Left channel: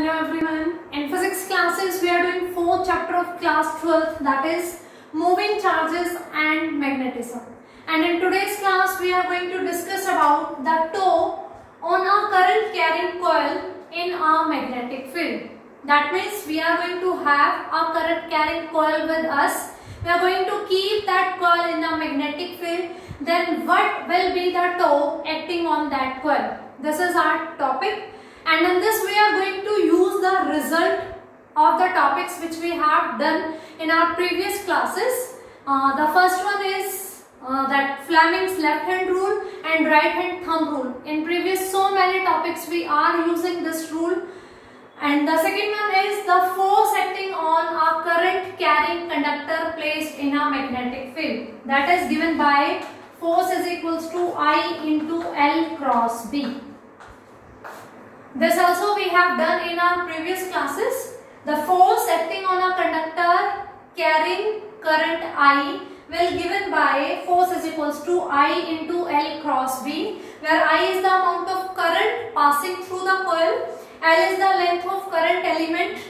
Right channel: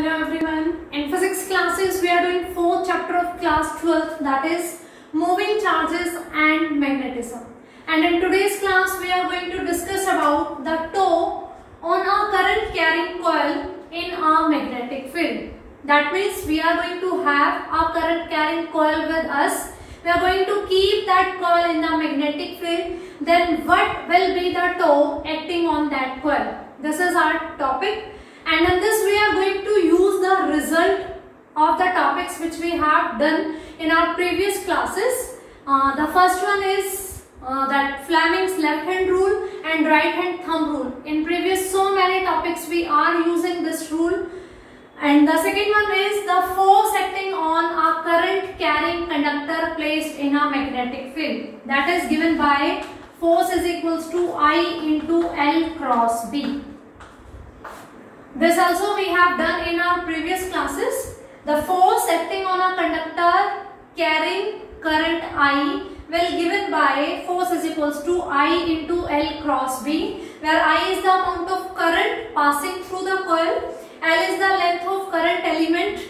Hello everyone. In physics classes, we are doing fourth chapter of class 12, that is moving charges and magnetism. And in today's class, we are going to discuss about the toe on a current carrying coil in a magnetic field. That means we are going to have a current carrying coil with us. We are going to keep that coil in the magnetic field. Then what will be the toe acting on that coil? This is our topic. And in this we are going to use the result of the topics which we have done in our previous classes. The first one is that Fleming's left hand rule and right hand thumb rule. In previous so many topics we are using this rule. And the second one is the force acting on a current carrying conductor placed in a magnetic field. That is given by force is equals to I into L cross B. This also we have done in our previous classes. The force acting on a conductor carrying current I will given by force is equals to I into L cross B, where I is the amount of current passing through the coil, L is the length of current element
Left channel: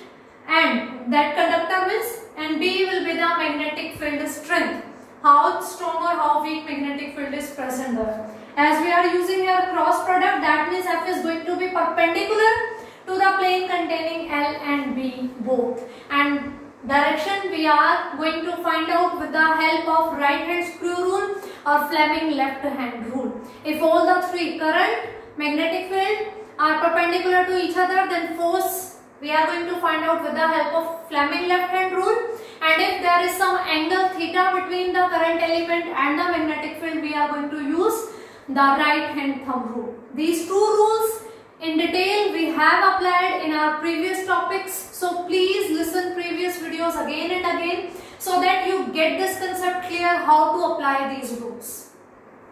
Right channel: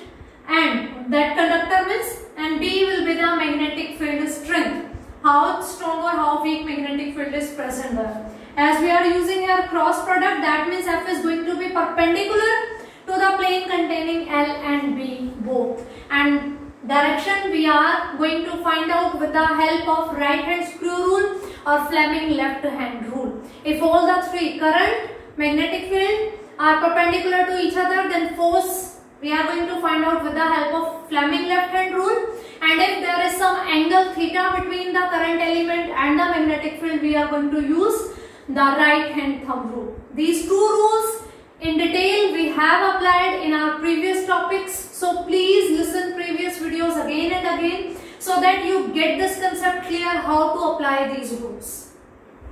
and that conductor means, and B will be the magnetic field strength. How strong or how weak magnetic field is present there. As we are using here cross product, that means F is going to be perpendicular to the plane containing L and B both. And direction we are going to find out with the help of right hand screw rule or Fleming left hand rule. If all the three current, magnetic field are perpendicular to each other, then force we are going to find out with the help of Fleming left hand rule. And if there is some angle theta between the current element and the magnetic field, we are going to use the right hand thumb rule. These two rules in detail we have applied in our previous topics. So please listen previous videos again and again so that you get this concept clear how to apply these rules.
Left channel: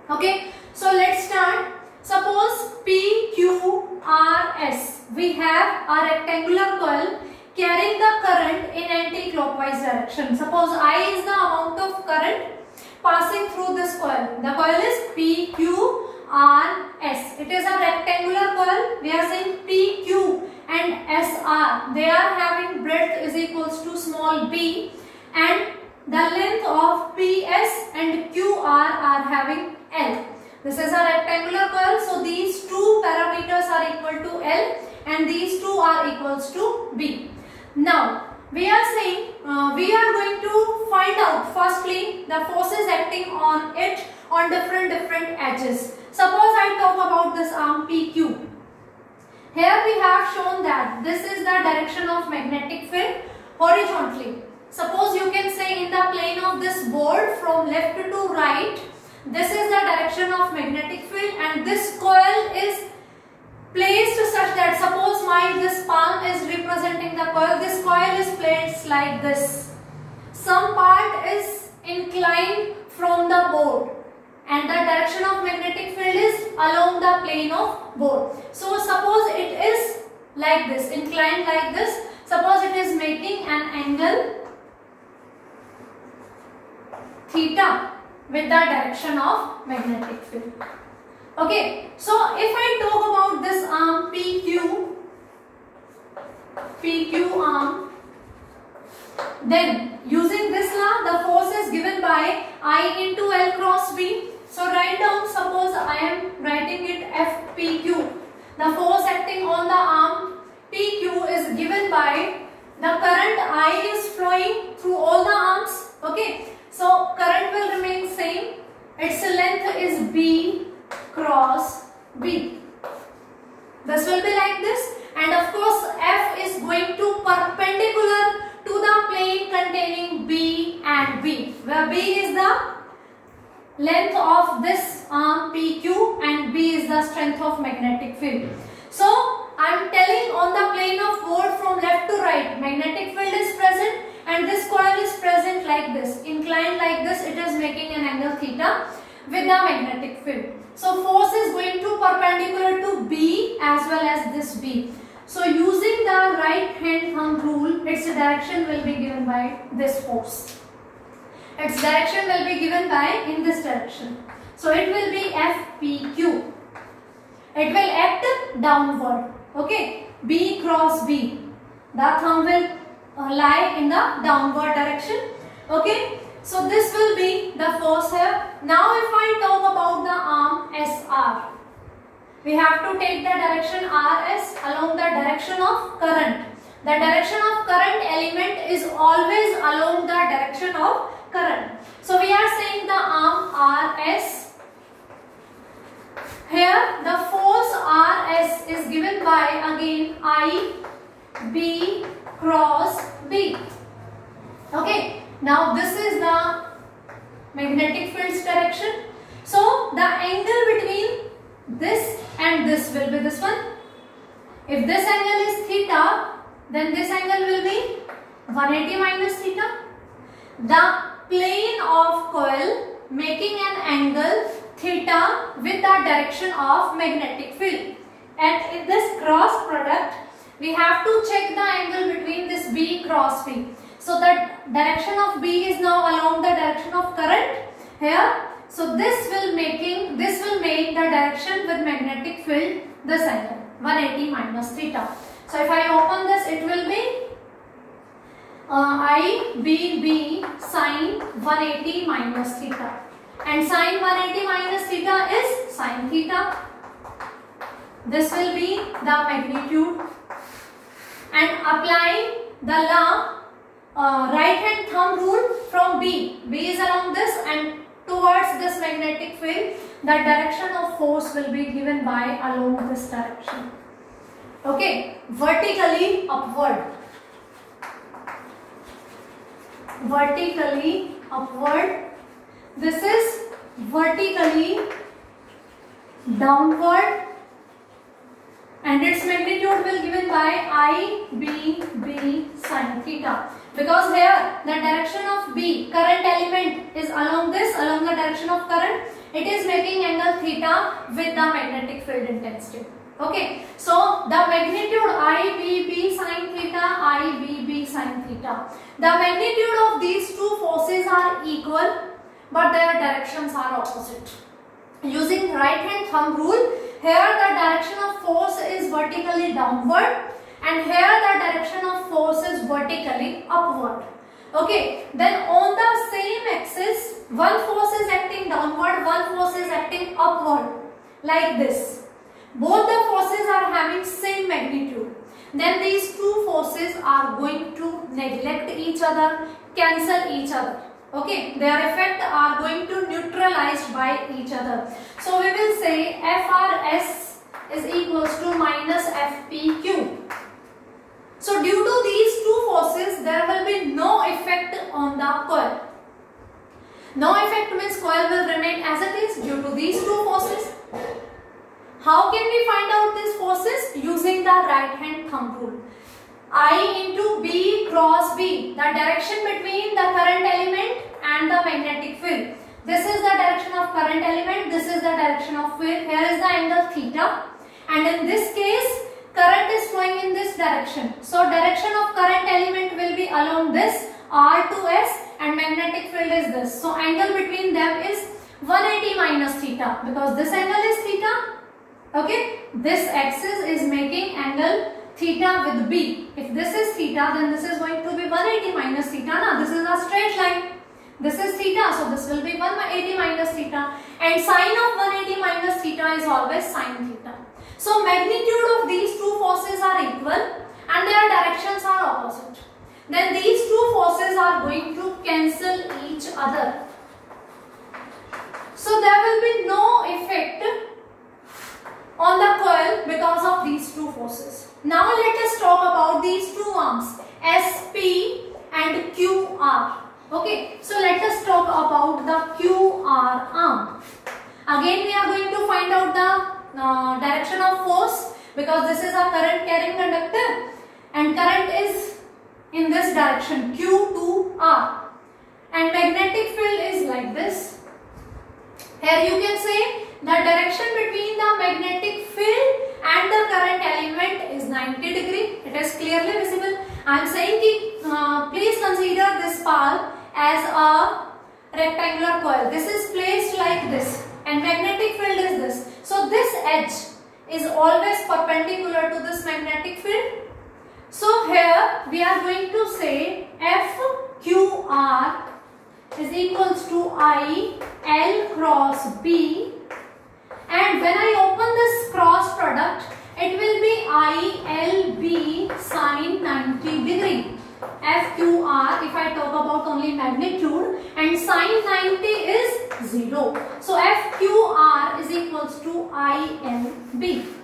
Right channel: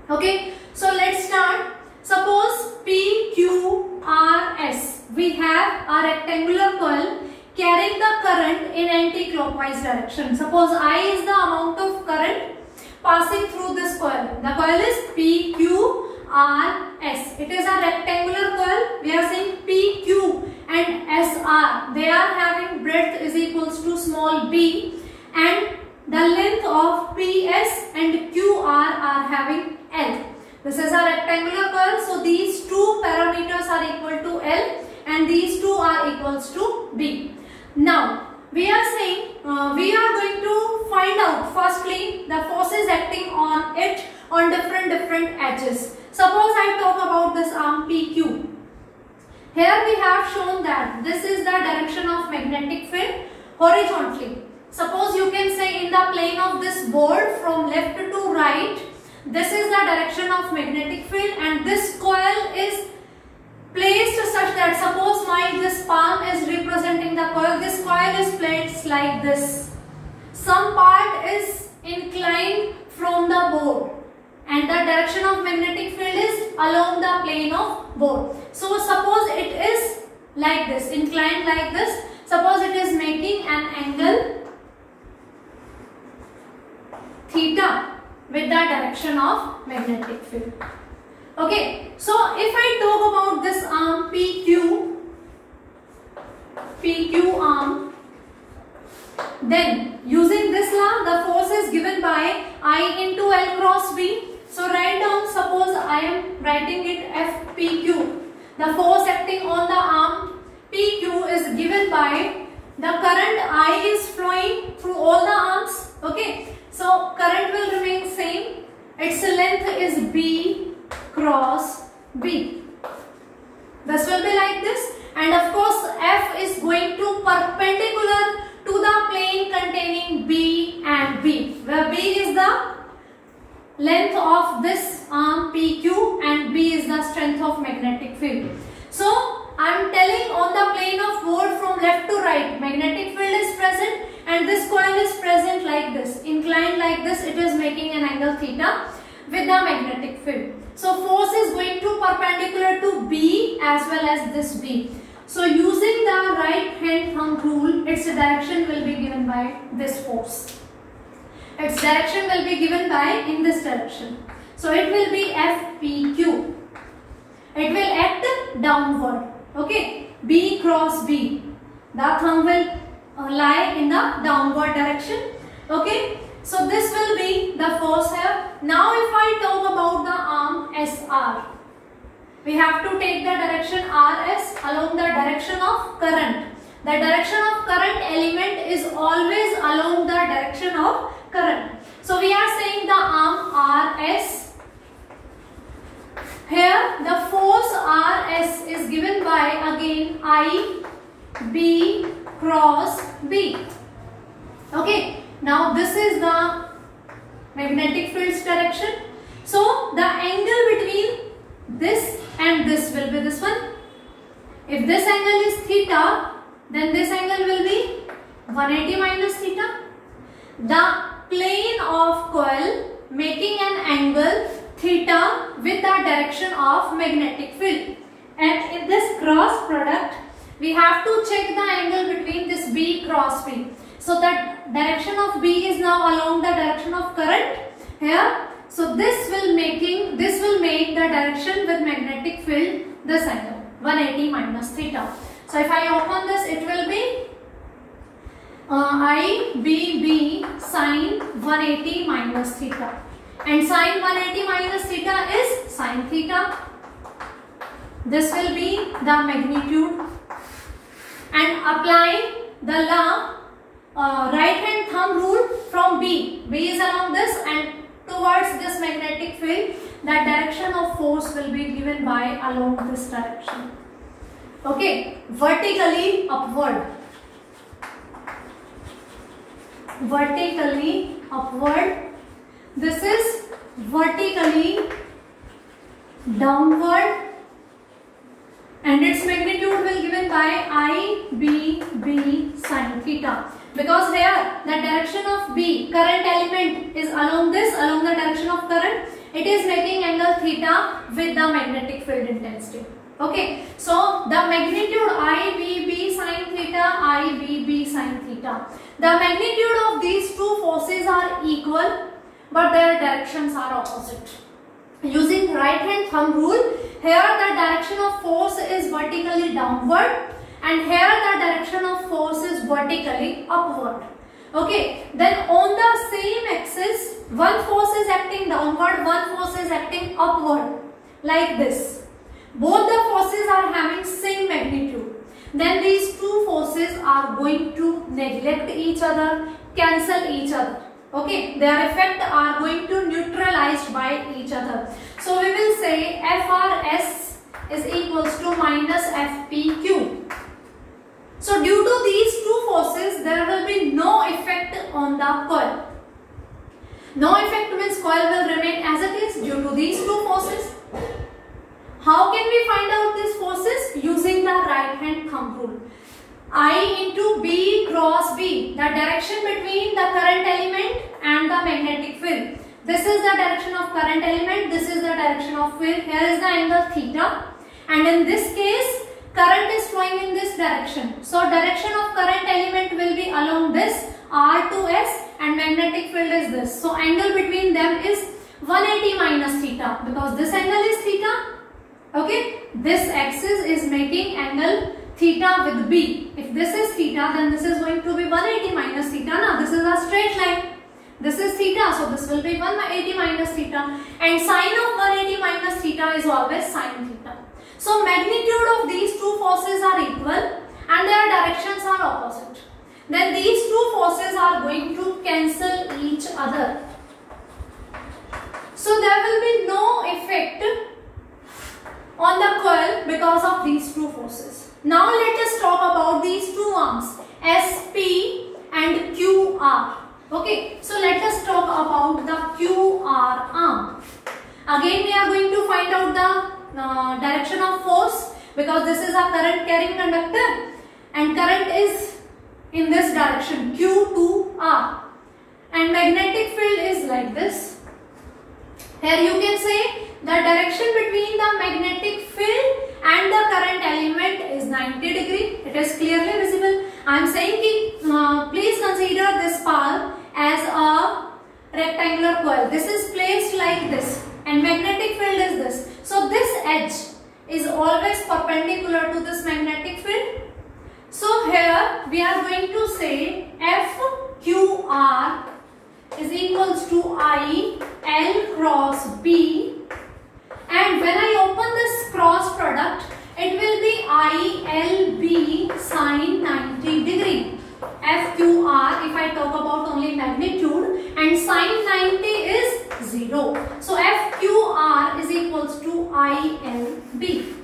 Okay, so let's start. Suppose P, Q, R, S. We have a rectangular coil carrying the current in anti-clockwise direction. Suppose I is the amount of current passing through this coil. The coil is P, Q, R, S. It is a rectangular coil. We are saying P, Q and S, R. They are having breadth is equals to small b, and the length of P, S and Q, R are having L. This is a rectangular coil. So these two parameters are equal to L and these two are equals to B. Now we are saying we are going to find out firstly the forces acting on it on different edges. Suppose I talk about this arm PQ. Here we have shown that this is the direction of magnetic field horizontally. Suppose you can say in the plane of this board from left to right, this is the direction of magnetic field and this coil is placed such that suppose this palm is representing the coil, this coil is placed like this. Some part is inclined from the board and the direction of magnetic field is along the plane of board. So suppose it is like this, inclined like this. Suppose it is making an angle theta with the direction of magnetic field. Okay, so if I talk about this arm PQ arm, then using this law, the force is given by I into L cross B. So write down, suppose I am writing it FPQ. The force acting on the arm PQ is given by the current I is flowing through all the arms. Okay, so current will remain same. Its length is B cross B. This will be like this, and of course F is going to perpendicular to the plane containing B and B, where B is the length of this arm PQ and B is the strength of magnetic field. So I am telling on the plane of board from left to right, magnetic field is present and this coil is present like this, inclined like this. It is making an angle theta with the magnetic field. So force is going to perpendicular to B as well as this B. So using the right hand thumb rule, its direction will be given by this force. Its direction will be given by in this direction. So it will be FPQ. It will act downward. Okay. B cross B. The thumb will lie in the downward direction. Okay, so this will be the force here. Now if I talk about the arm SR, we have to take the direction RS along the direction of current. The direction of current element is always along the direction of current. So we are saying the arm RS. Here the force RS is given by again I B cross B. Okay, now this is the magnetic field's direction. So the angle between this and this will be this one. If this angle is theta, then this angle will be 180 minus theta. The plane of coil making an angle theta with the direction of magnetic field. And in this cross product, we have to check the angle between this B cross B. So that direction of B is now along the direction of current here. So this will make the direction with magnetic field this angle 180 minus theta. So if I open this, it will be IBB sine 180 minus theta. And sine 180 minus theta is sine theta. This will be the magnitude. And applying the law right hand thumb rule from B. B is along this and towards this magnetic field, the direction of force will be given by along this direction. Okay, vertically upward. Vertically upward. This is vertically downward. And its magnitude will given by IBB sine theta. Because here the direction of B, current element, is along the direction of current. It is making angle theta with the magnetic field intensity. Okay, so the magnitude IBB sine theta, IBB sine theta. The magnitude of these two forces are equal, but their directions are opposite. Using right hand thumb rule, here the direction of force is vertically downward and here the direction of force is vertically upward. Okay, then on the same axis, one force is acting downward, one force is acting upward, like this. Both the forces are having same magnitude. Then these two forces are going to neglect each other, cancel each other. Okay, their effect are going to neutralized by each other. So we will say FRS is equals to minus FPQ. So due to these two forces, there will be no effect on the coil. No effect means coil will remain as it is due to these two forces. How can we find out these forces? Using the right hand thumb rule. I into B cross B, the direction between the current element and the magnetic field. This is the direction of current element, this is the direction of field. Here is the angle theta, and in this case current is flowing in this direction. So direction of current element will be along this R to S and magnetic field is this. So angle between them is 180 minus theta because this angle is theta. Okay, this axis is making angle theta with B. If this is theta, then this is going to be 180 minus theta. Now this is a straight line. This is theta, so this will be 180 minus theta. And sine of 180 minus theta is always sine theta. So magnitude of these two forces are equal and their directions are opposite. Then these two forces are going to cancel each other. So there will be no effect on the coil because of these two forces. Now let us talk about these two arms, SP and QR. Okay, so let us talk about the QR arm. Again we are going to find out the direction of force because this is a current carrying conductor and current is in this direction Q to R and magnetic field is like this. Here you can say the direction between the magnetic field and the current element is 90 degree. It is clearly visible. I am saying please consider this part as a rectangular coil. This is placed like this and magnetic field is this. So this edge is always perpendicular to this magnetic field. So here we are going to say FQR is equals to I L cross B, and when I open this cross product, it will be ILB sine 90 degree. FQR, if I talk about only magnitude, and sine 90 is 0. So FQR is equals to ILB.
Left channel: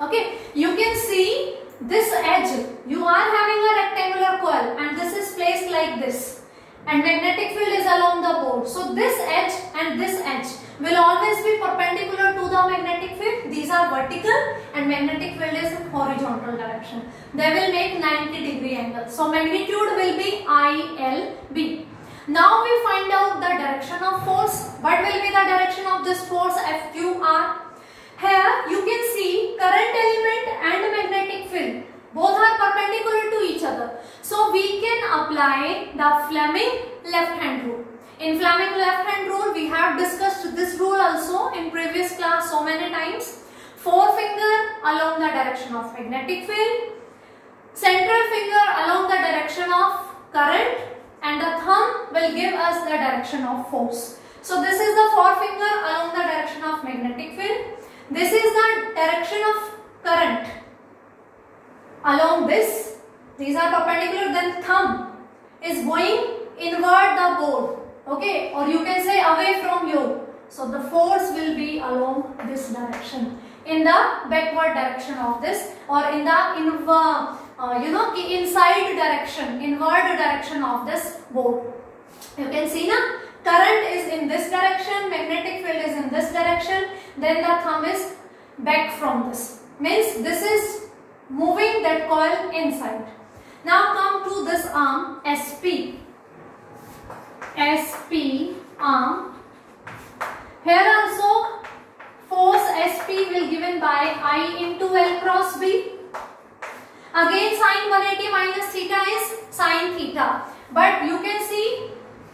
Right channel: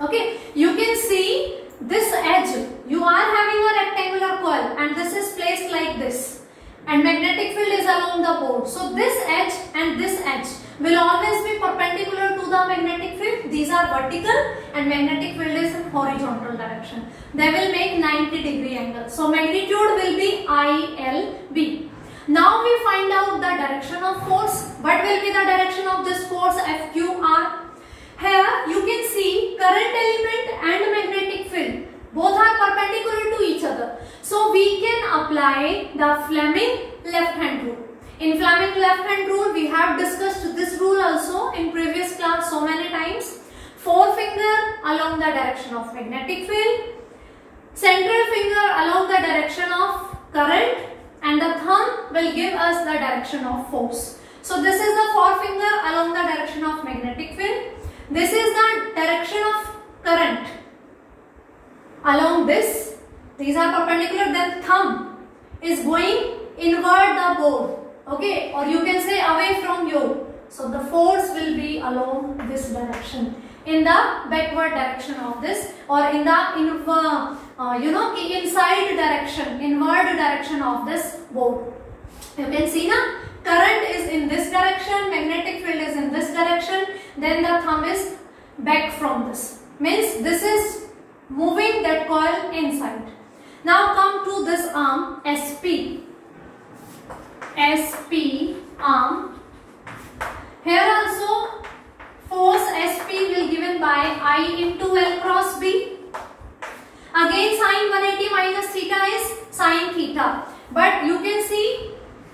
Okay, you can see this edge. You are having a rectangular coil and this is placed like this, and magnetic field is along the board. So this edge and this edge will always be perpendicular to the magnetic field. These are vertical and magnetic field is in horizontal direction. They will make 90 degree angle. So magnitude will be ILB. Now we find out the direction of force. What will be the direction of this force FQR? Here you can see current element and magnetic field. Both are perpendicular to each other. So we can apply the Fleming left hand rule. In Fleming left hand rule, we have discussed this rule also in previous class so many times. Forefinger along the direction of magnetic field, central finger along the direction of current, and the thumb will give us the direction of force. So this is the forefinger along the direction of magnetic field. This is the direction of current along this. These are perpendicular. Then thumb is going inward the board. Okay, or you can say away from you. So the force will be along this direction, in the backward direction of this, or in the inside direction, inward direction of this board. You can see now, current is in this direction, magnetic field is in this direction, then the thumb is back from this. Means this is moving that coil inside. Now come to this arm SP. SP arm. Here also force SP will given by I into L cross B. Again sine 180 minus theta is sine theta. But you can see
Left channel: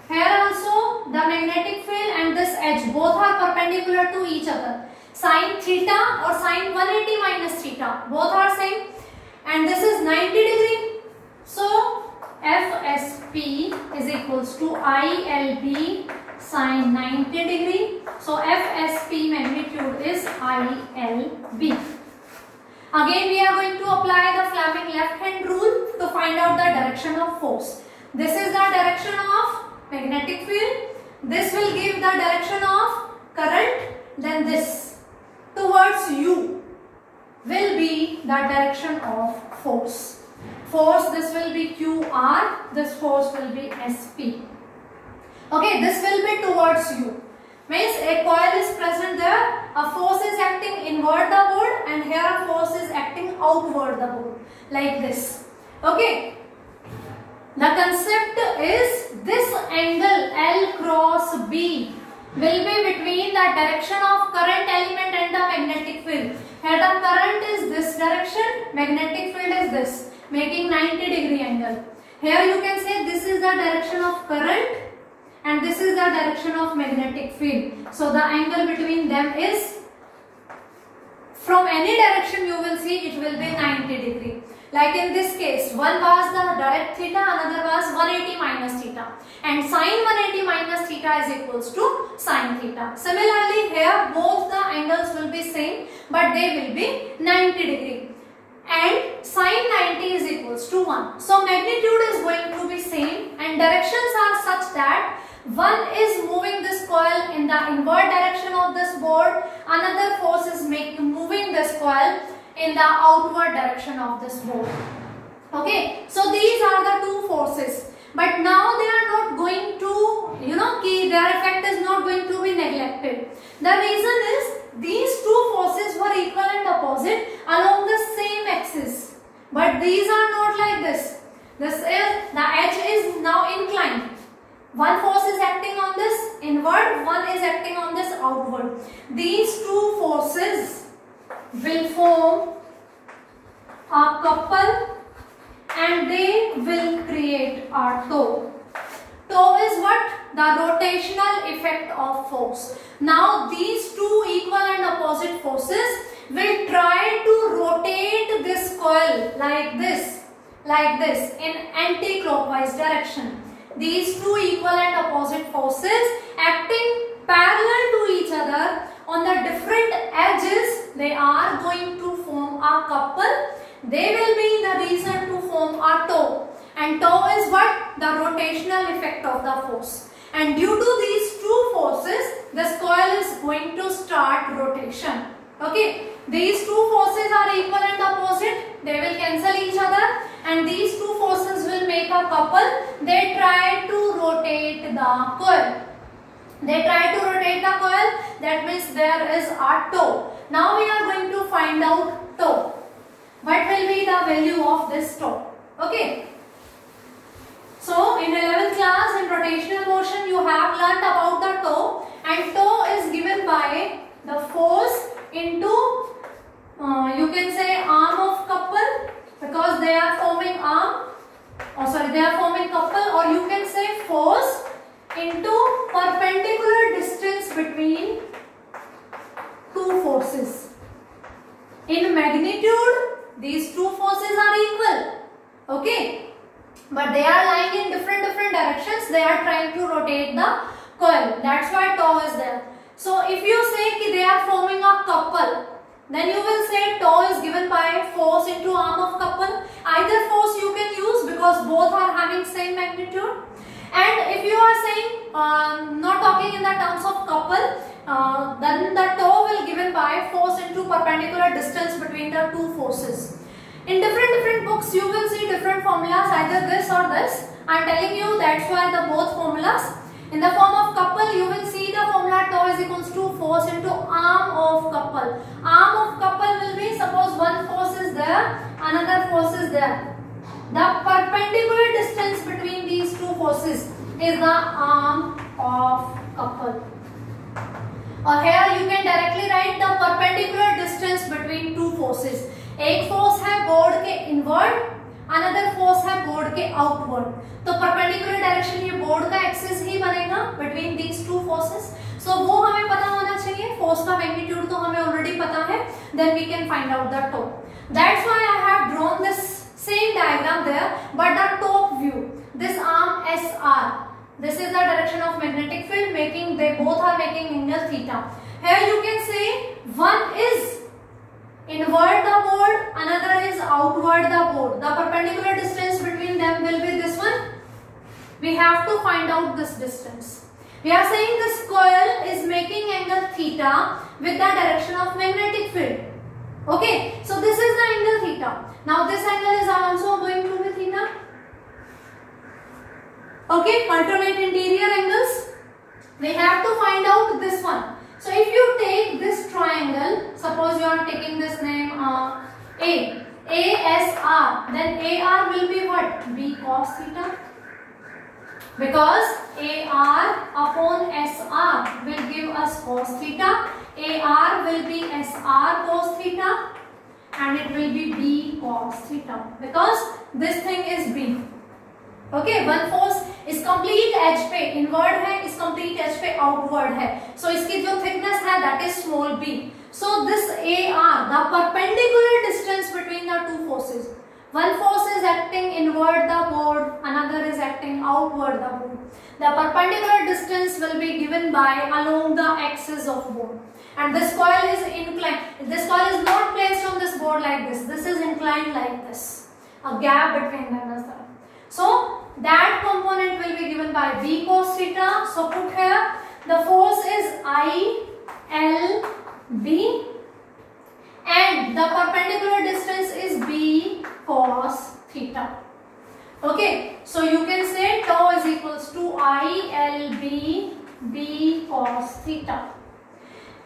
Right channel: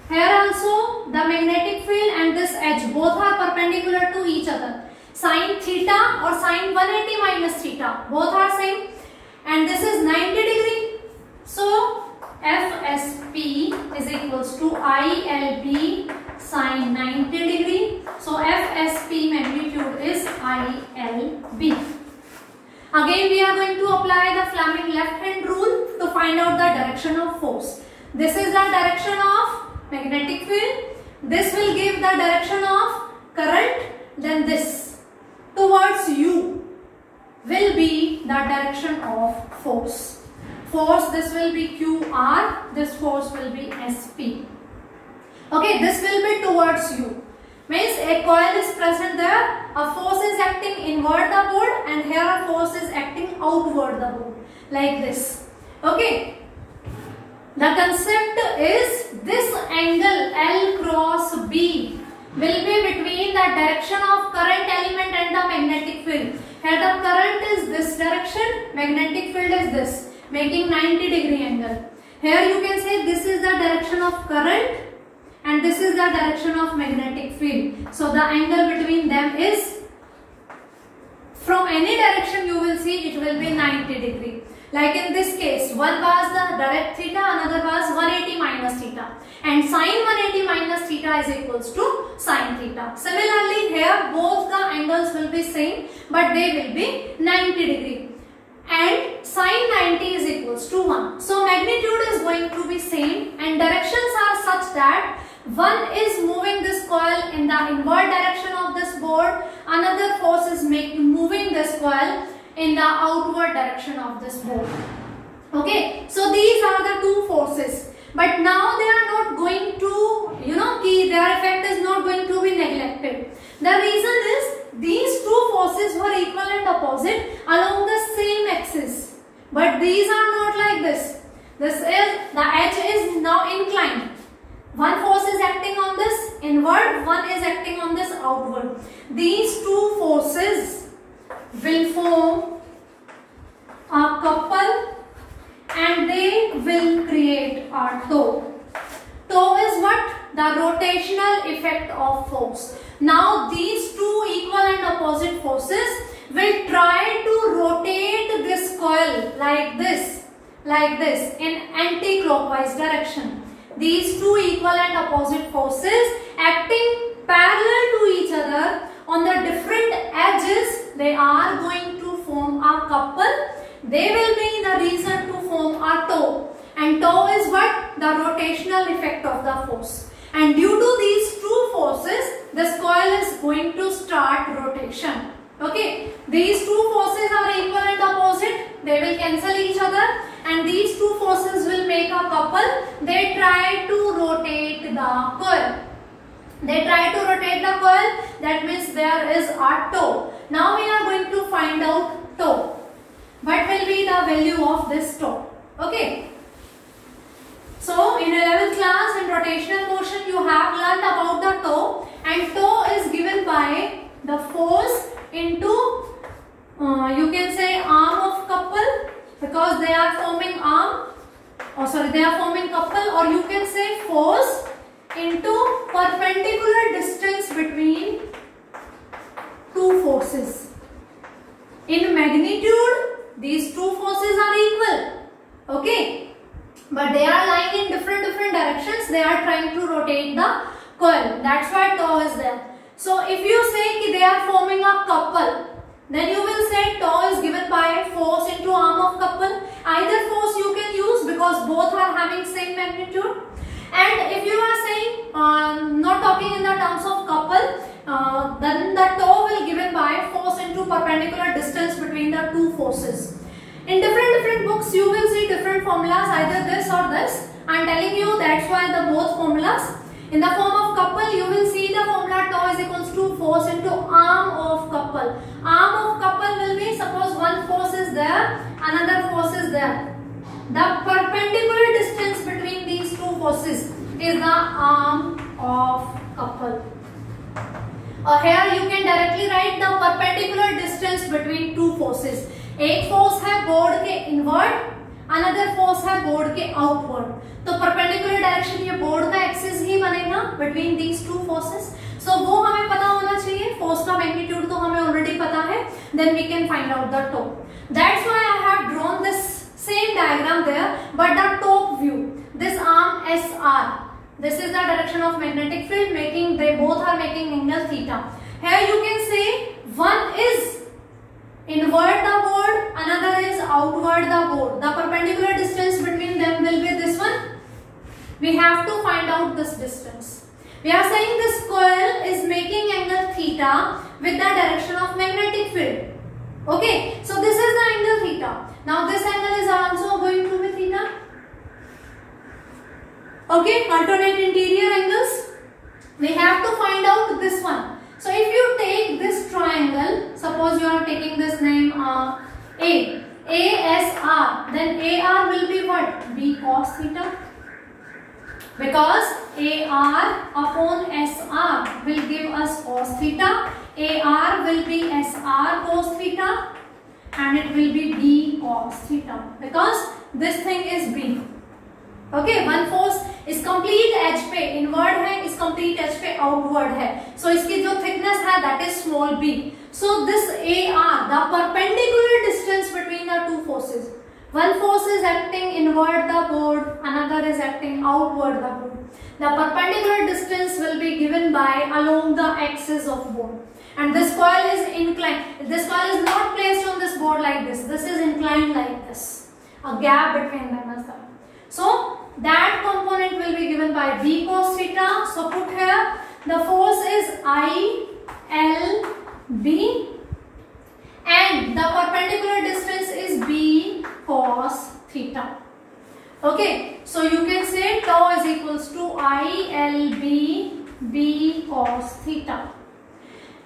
here also the magnetic field and this edge both are perpendicular to each other. Sine theta or sine 180 minus theta both are same, and this is 90 degree. So FSP is equals to ILB sine 90 degree. So FSP magnitude is ILB. Again we are going to apply the Fleming left hand rule to find out the direction of force. This is the direction of magnetic field. This will give the direction of current. Then this towards U will be the direction of force. Force, this will be QR, this force will be SP. Okay, this will be towards you. Means a coil is present there, a force is acting inward the board, and here a force is acting outward the board, like this. Okay. The concept is this angle L cross B will be between the direction of current element and the magnetic field. Here the current is this direction, magnetic field is this, making 90 degree angle. Here you can say this is the direction of current and this is the direction of magnetic field. So the angle between them is, from any direction you will see, it will be 90 degree. Like in this case, one was the direct theta, another was 180 minus theta, and sine 180 minus theta is equals to sine theta. Similarly here both the angles will be same, but they will be 90 degree, and sine 90 is equals to 1. So magnitude is going to be same, and directions are such that one is moving this coil in the inward direction of this board, another force is moving this coil in the outward direction of this board. Okay, so these are the two forces, but now they are not going to, their effect is not going to be neglected. The reason is these two forces were equal and opposite along the same axis, but these are not like this. This is, the edge is now inclined. One force is acting on this inward, one is acting on this outward. These two forces will form a couple and they will create a toe. Toe is what? The rotational effect of force. Now these two equal and opposite forces will like this in anti-clockwise direction. These two equal and opposite forces acting parallel to each other on the different edges, they are going to form a couple. They will be the reason to form a toe, and toe is what? The rotational effect of the force. And due to these two forces, this coil is going to start rotation. Okay, these two forces are equal and opposite. They will cancel each other, and these two forces will make a couple. They try to rotate the coil. That means there is a toe. Now we are going to find out toe. What will be the value of this toe? Okay. So in 11th class in rotational motion you have learned about the toe, and toe is given by the force into you can say arm of couple, because they are forming couple, or you can say force into perpendicular distance between two forces. In magnitude, these two forces are equal, okay, but they are lying in different directions. They are trying to rotate the coil. That's why toe is there. So if you say they are forming a couple, then you will say toe is given by force into arm of couple. Either force you can use because both are having same magnitude. And if you are saying not talking in the terms of couple, then the toe will given by force into perpendicular distance between the two forces. In different books you will see different formulas, either this or this. I am telling you, that's why the both formulas. In the form of couple, you will see the formula toe is equals to force into arm of couple. Arm of couple will be, suppose one force is there, another force is there. The perpendicular distance between these two forces is the arm of couple. Here you can directly write the perpendicular distance between two forces. एक force है board के inward, another force है board के outward. तो perpendicular direction ये board का axis ही बनेगा between these two forces. सो वो हमें पता होना चाहिए. फोर्स का मैग्नीट्यूड तो हमें ऑलरेडी पता है. Then we can find out the top. That's why I have drawn this same diagram there, but the top view, this arm SR, this is the direction of magnetic field, making they both are making angle theta. Here you can say one is inward the board, another is outward the board. The perpendicular distance between them will be this one. We have to find out this distance. We are saying this coil is making angle theta with the direction of magnetic field. Okay, so this is the angle theta. Now this angle is also going to be theta. Okay, alternate interior angles. We have to find out this one. So if you take this triangle, suppose you are taking this name ASR, then AR will be what? B cos theta. Because AR upon SR will give us cos theta. AR will be SR cos theta, and it will be B cos theta, because this thing is B. Okay, one force is complete edge पे inward है, is complete edge पे outward है. So इसकी जो thickness है that is small b. So this AR, the perpendicular distance between the two forces. One force is acting inward the board, another is acting outward the board. The perpendicular distance will be given by along the axis of board. And this coil is inclined. This coil is not placed on this board like this. This is inclined like this. A gap between them is there. So that component will be given by B cos theta. So put here the force is ILB and the perpendicular distance is B cos theta. Okay, so you can say tau is equals to ILB B cos theta.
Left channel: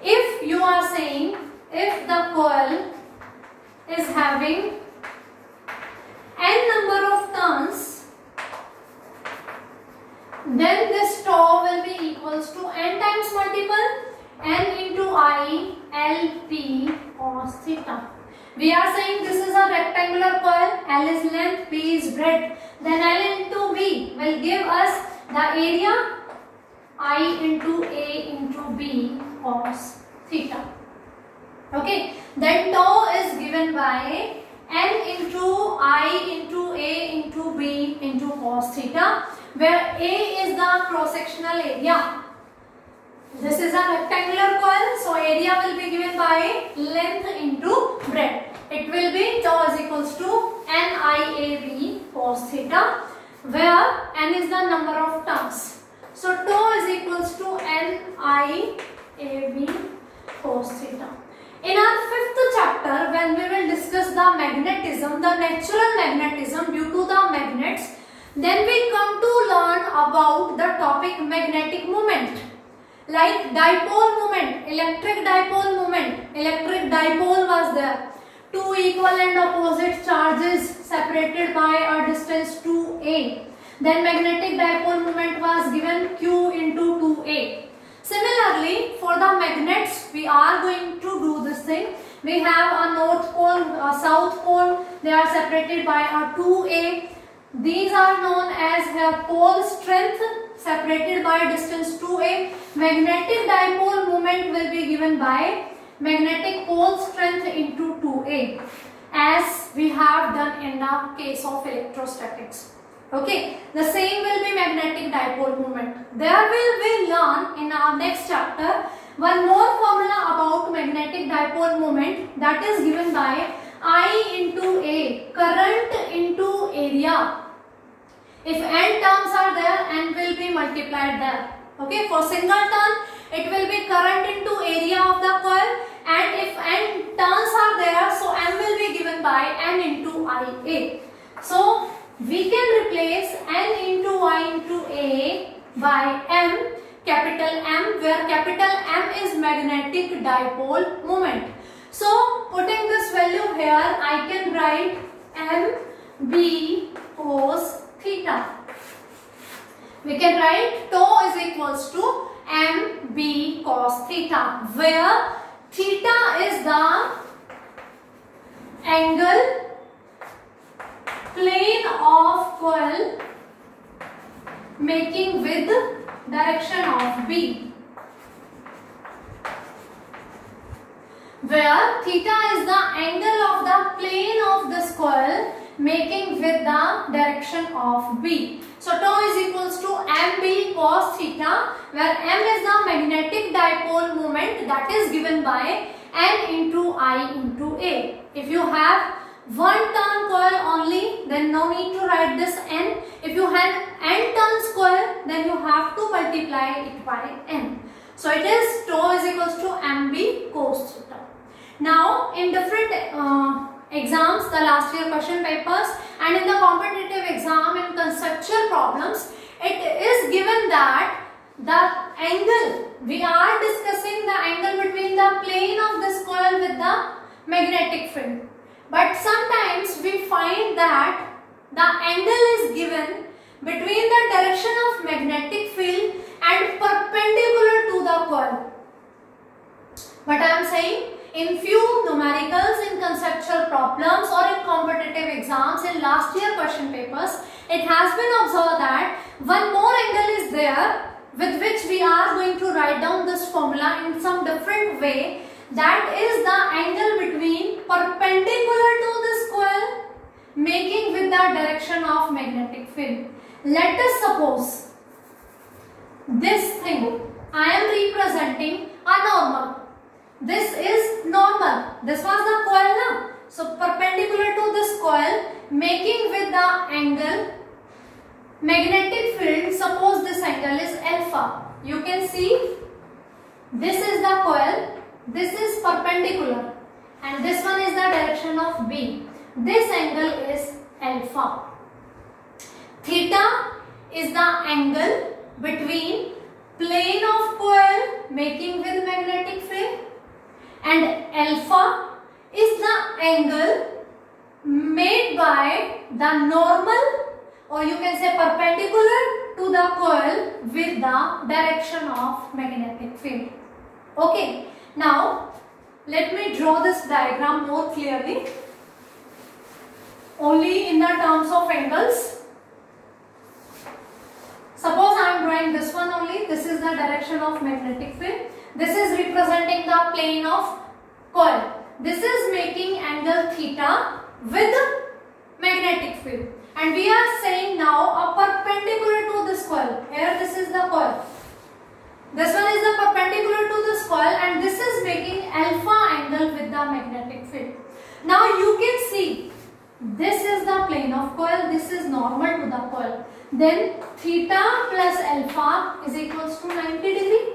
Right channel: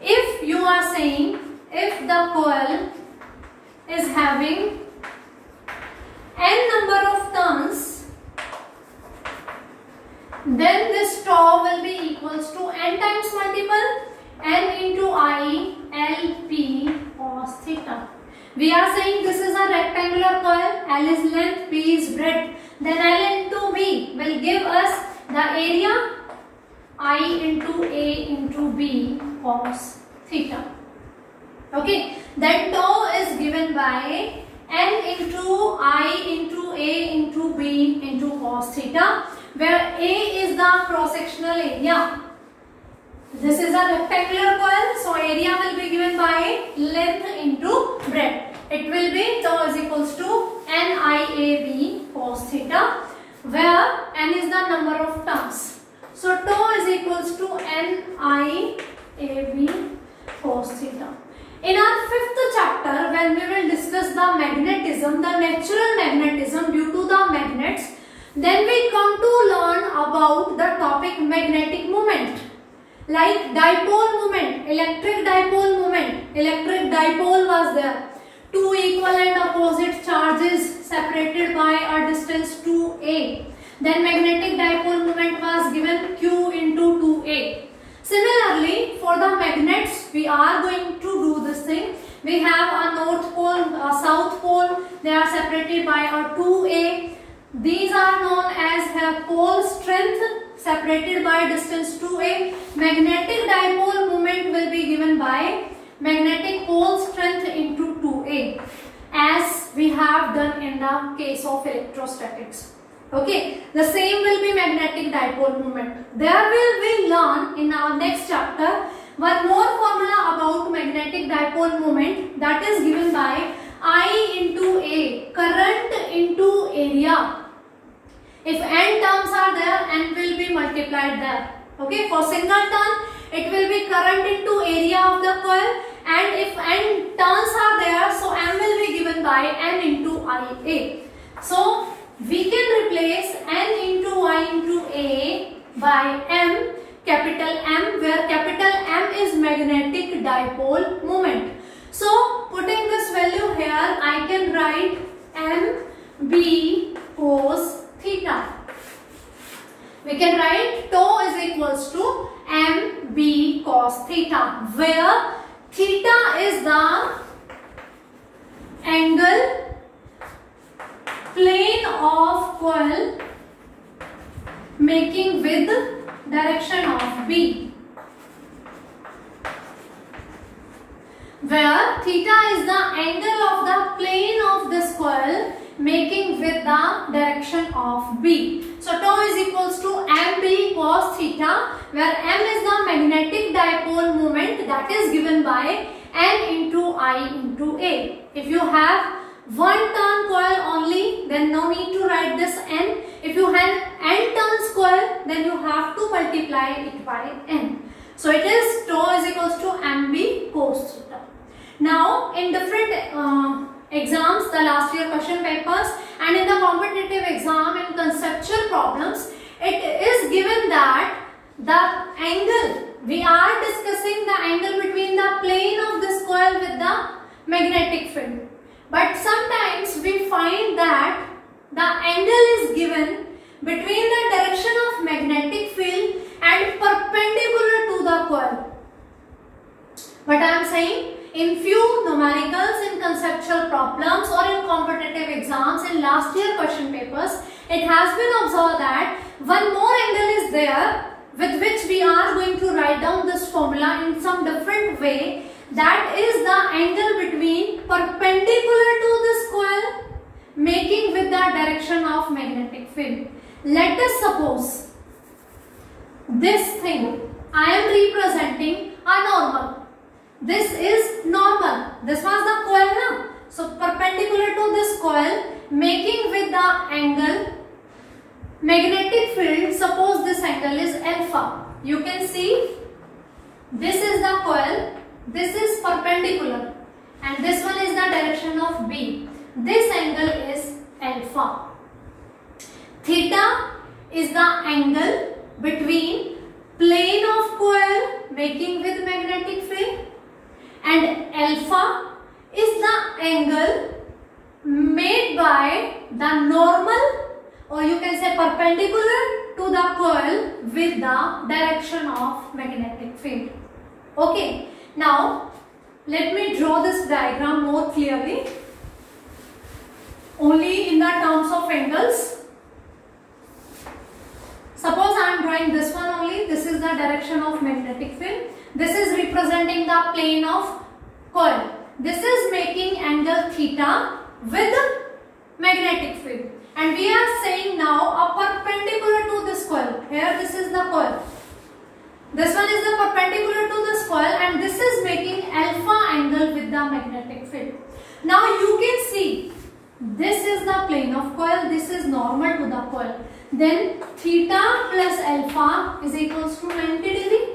If you are saying if the coil is having n number of turns, then this tau will be equals to n times multiple n into I LP cos theta. We are saying this is a rectangular coil. L is length, P is breadth. Then L into B will give us the area I into A into B cos theta. Okay. Then tau is given by N into I into A into B into cos theta, where A is the cross-sectional area. This is a rectangular coil, so area will be given by length into breadth. It will be tau is equals to NIAB cos theta, where N is the number of turns. So tau is equals to NIAB cos theta. In our fifth chapter, when we will discuss the magnetism, the natural magnetism due to the magnets, then we come to learn about the topic magnetic moment. Like dipole moment, electric dipole moment. Electric dipole was there. Two equal and opposite charges separated by a distance 2a. Then magnetic dipole moment was given Q into 2a. Similarly, for the magnets, we are going to do this thing. We have a north pole, a south pole. They are separated by a 2a. These are known as pole strength, separated by distance 2a. Magnetic dipole moment will be given by magnetic pole strength into 2a, as we have done in the case of electrostatics. Okay, the same will be magnetic dipole moment. There will we learn in our next chapter one more formula about magnetic dipole moment, that is given by I into A, current into area. If n terms are there, n will be multiplied there. Okay, for single turn, it will be current into area of the coil, and if n turns are there, so m will be given by n into Ia. So we can replace n into I into A by m, capital M, where capital M is magnetic dipole moment. So putting this value here, I can write MB cos theta. We can write tau is equals to MB cos theta, where theta is the angle plane of coil making with direction of B, where theta is the angle of the plane of this coil making with the direction of B. So tau is equals to MB cos theta, where M is the magnetic dipole moment, that is given by N into I into A. If you have one turn coil only, then no need to write this N. If you have n turns coil, then you have to multiply it by N. So it is tau is equals to MB cos theta. Now in different exams, the last year question papers, and in the competitive exam in conceptual problems, it is given that the angle, we are discussing the angle between the plane of this coil with the magnetic field. But sometimes we find that the angle is given between the direction of magnetic field and perpendicular to the coil. What I am saying, in few numericals, in conceptual problems or in competitive exams in last year question papers, it has been observed that one more angle is there with which we are going to write down this formula in some different way. That is the angle between perpendicular to this coil making with the direction of magnetic field. Let us suppose this thing I am representing a normal. This is normal. This was the coil now. So perpendicular to this coil making with the angle magnetic field. Suppose this angle is alpha. You can see this is the coil. This is perpendicular and this one is the direction of B. This angle is alpha. Theta is the angle between plane of coil making with magnetic field, and alpha is the angle made by the normal, or you can say perpendicular to the coil with the direction of magnetic field. Okay. Now, let me draw this diagram more clearly, only in the terms of angles. Suppose I am drawing this one only. This is the direction of magnetic field. This is representing the plane of coil. This is making angle theta with magnetic field. And we are saying now a perpendicular to this coil. Here this is the coil. This one is the perpendicular to this coil, and this is making alpha angle with the magnetic field. Now you can see this is the plane of coil, this is normal to the coil. Then theta plus alpha is equals to 90 degree.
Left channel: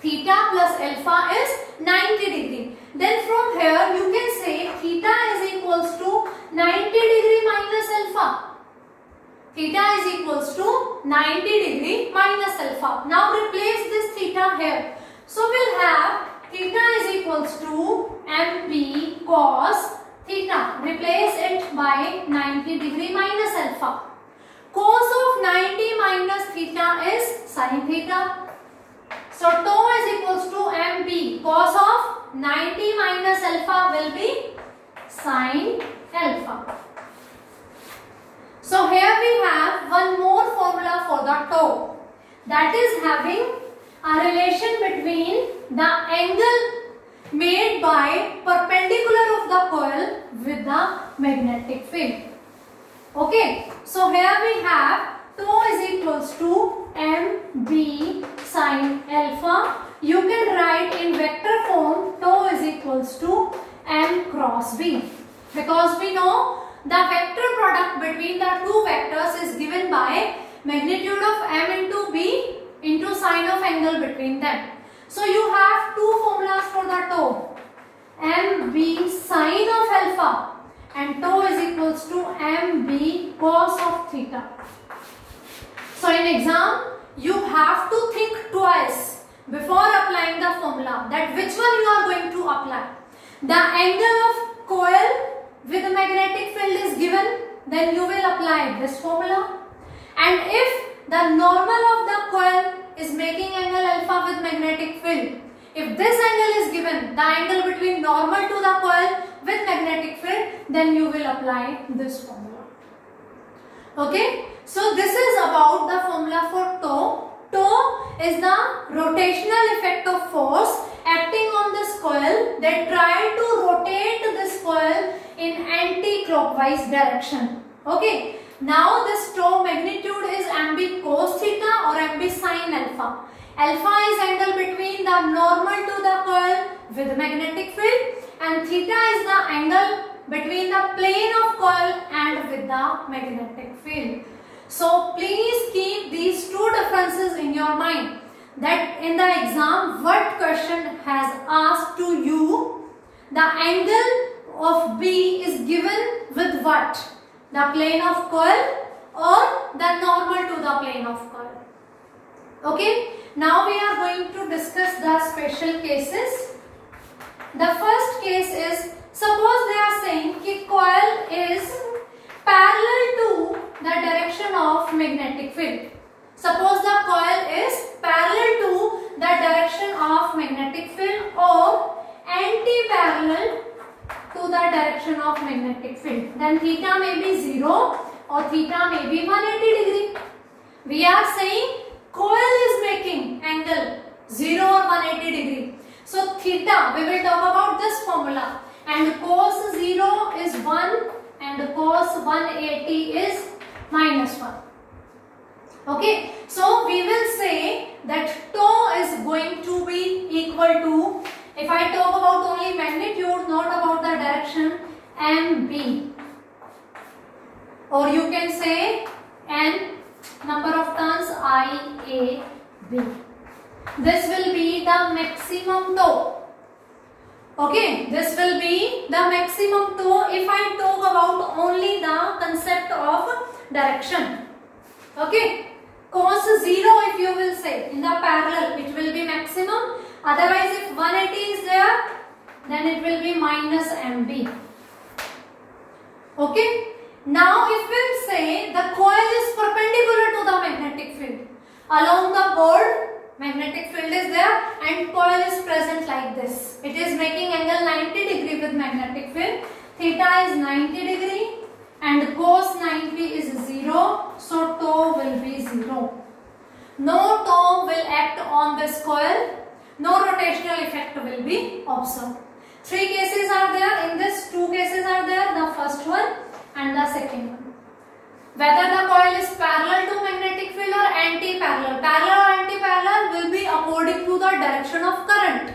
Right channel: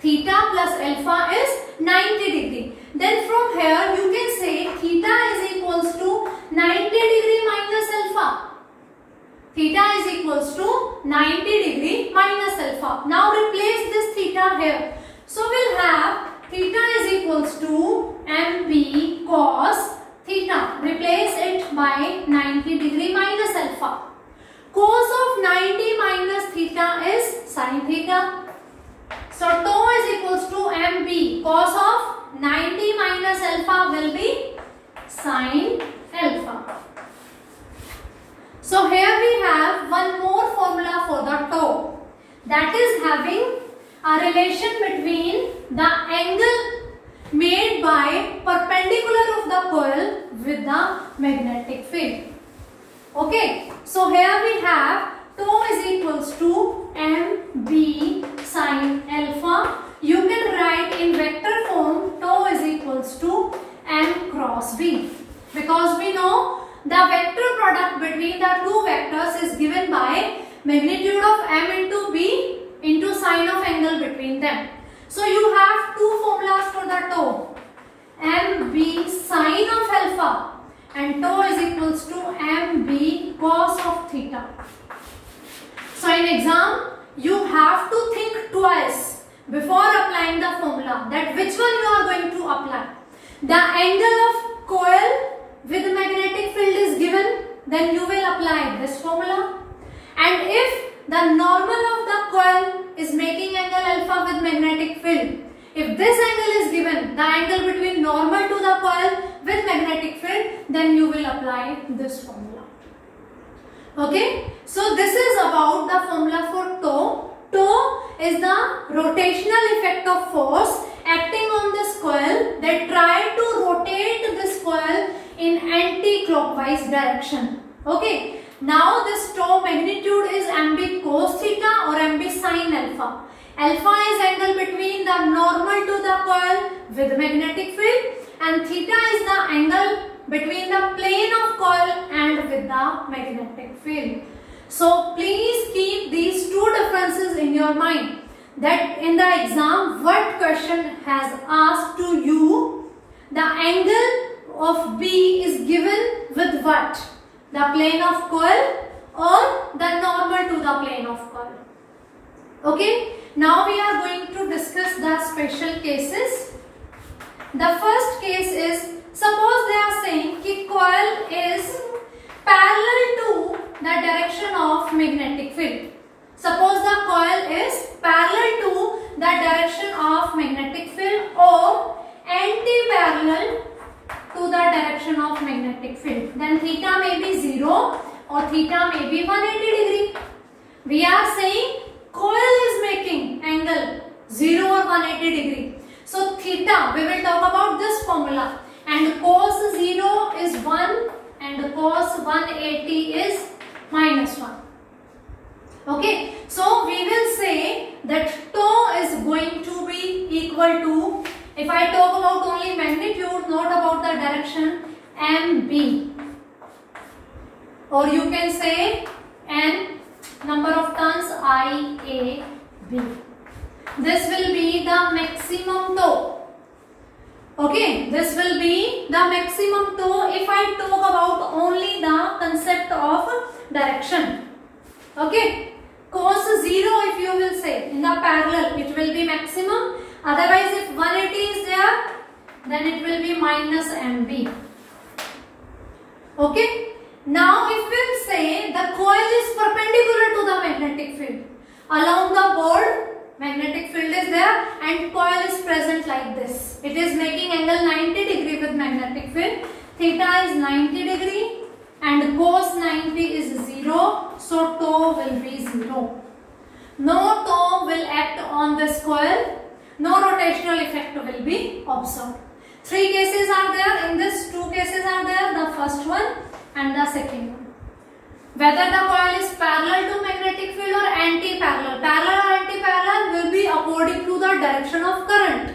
Theta plus alpha is 90 degree. Then from here you can say theta is equals to 90 degree minus alpha. Theta is equals to 90 degree minus alpha. Now replace this theta here. So we'll have theta is equals to mb cos theta. Replace it by 90 degree minus alpha. Cos of 90 minus theta is sin theta. So tau is equals to mb. Cos of 90 minus alpha will be sin alpha. So here we have one more formula for the tau, that is having a relation between the angle made by perpendicular of the coil with the magnetic field. Okay, so here we have tau is equals to mb sin alpha. You can write in vector form tau is equals to m cross b, because we know the vector product between the two vectors is given by magnitude of m into b into sine of angle between them. So you have two formulas for the tau, mb sine of alpha and tau is equals to mb cos of theta. So in exam you have to think twice before applying the formula, that which one you are going to apply. The angle of coil with the magnetic field is given, then you will apply this formula. And if the normal of the coil is making angle alpha with magnetic field, if this angle is given, the angle between normal to the coil with magnetic field, then you will apply this formula. Okay, so this is about the formula for tau. Tau is the rotational effect of force acting on this coil that try to rotate this coil in anti-clockwise direction. Okay, now this tau magnitude is mb cos theta or mb sin alpha. Alpha is angle between the normal to the coil with magnetic field, and theta is the angle between the plane of coil and with the magnetic field. So please keep these two differences in your mind, that in the exam what question has asked to you, the angle of B is given with what? The plane of coil or the normal to the plane of coil. Okay, now we are going to discuss the special cases. The first case is, suppose they are saying that coil is parallel to the direction of magnetic field. Suppose the coil is parallel to the direction of magnetic field or anti-parallel to the direction of magnetic field. Then theta may be 0 or theta may be 180 degree. We are saying coil is making angle 0 or 180 degree. So theta, we will talk about this formula, and cos 0 is 1 and cos 180 is minus 1. Okay, so we will say that tau is going to be equal to, if I talk about only magnitude, not about the direction, mb, or you can say n number of turns IAB. This will be the maximum tau. Okay, this will be the maximum tau if I talk about only the concept of direction. Okay, cos 0 if you will say in the parallel it will be maximum, otherwise if 180 is there then it will be minus mb. Okay, now if we will say the coil is perpendicular to the magnetic field, along the board magnetic field is there and coil is present like this. It is making angle 90 degree with magnetic field. Theta is 90 degree and cos 90 is 0. So tau will be 0. No tau will act on this coil. No rotational effect will be observed. Three cases are there. In this, two cases are there. The first one and the second one. Whether the coil is parallel to magnetic field or anti-parallel. Parallel or anti-parallel will be according to the direction of current.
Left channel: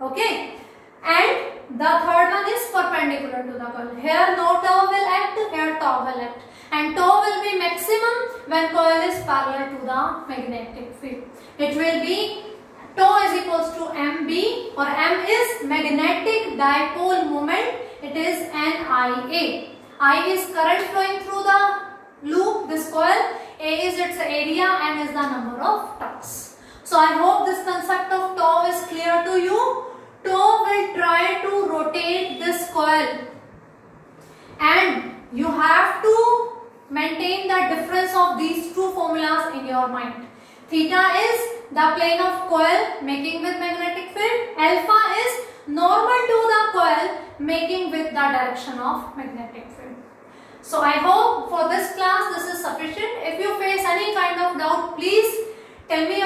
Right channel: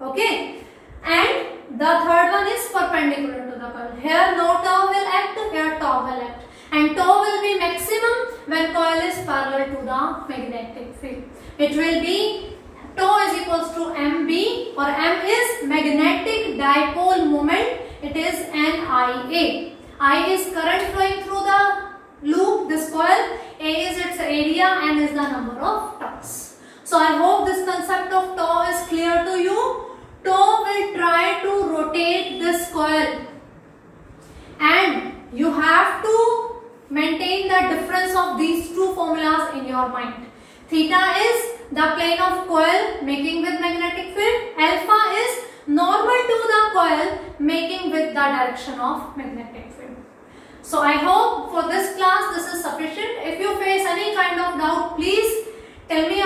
Okay. And the third one is perpendicular to the coil. Here no tau will act, here tau will act. And tau will be maximum when coil is parallel to the magnetic field. It will be tau is equals to mb, or m is magnetic dipole moment. It is NIA. I is current flowing through the loop, this coil. A is its area, and is the number of turns. So I hope this concept of tau is clear to you. Tau will try to rotate this coil, and you have to maintain the difference of these two formulas in your mind. Theta is the plane of coil making with magnetic field. Alpha is normal to the coil making with the direction of magnetic field. So I hope for this class this is sufficient. If you face any kind of doubt, please tell me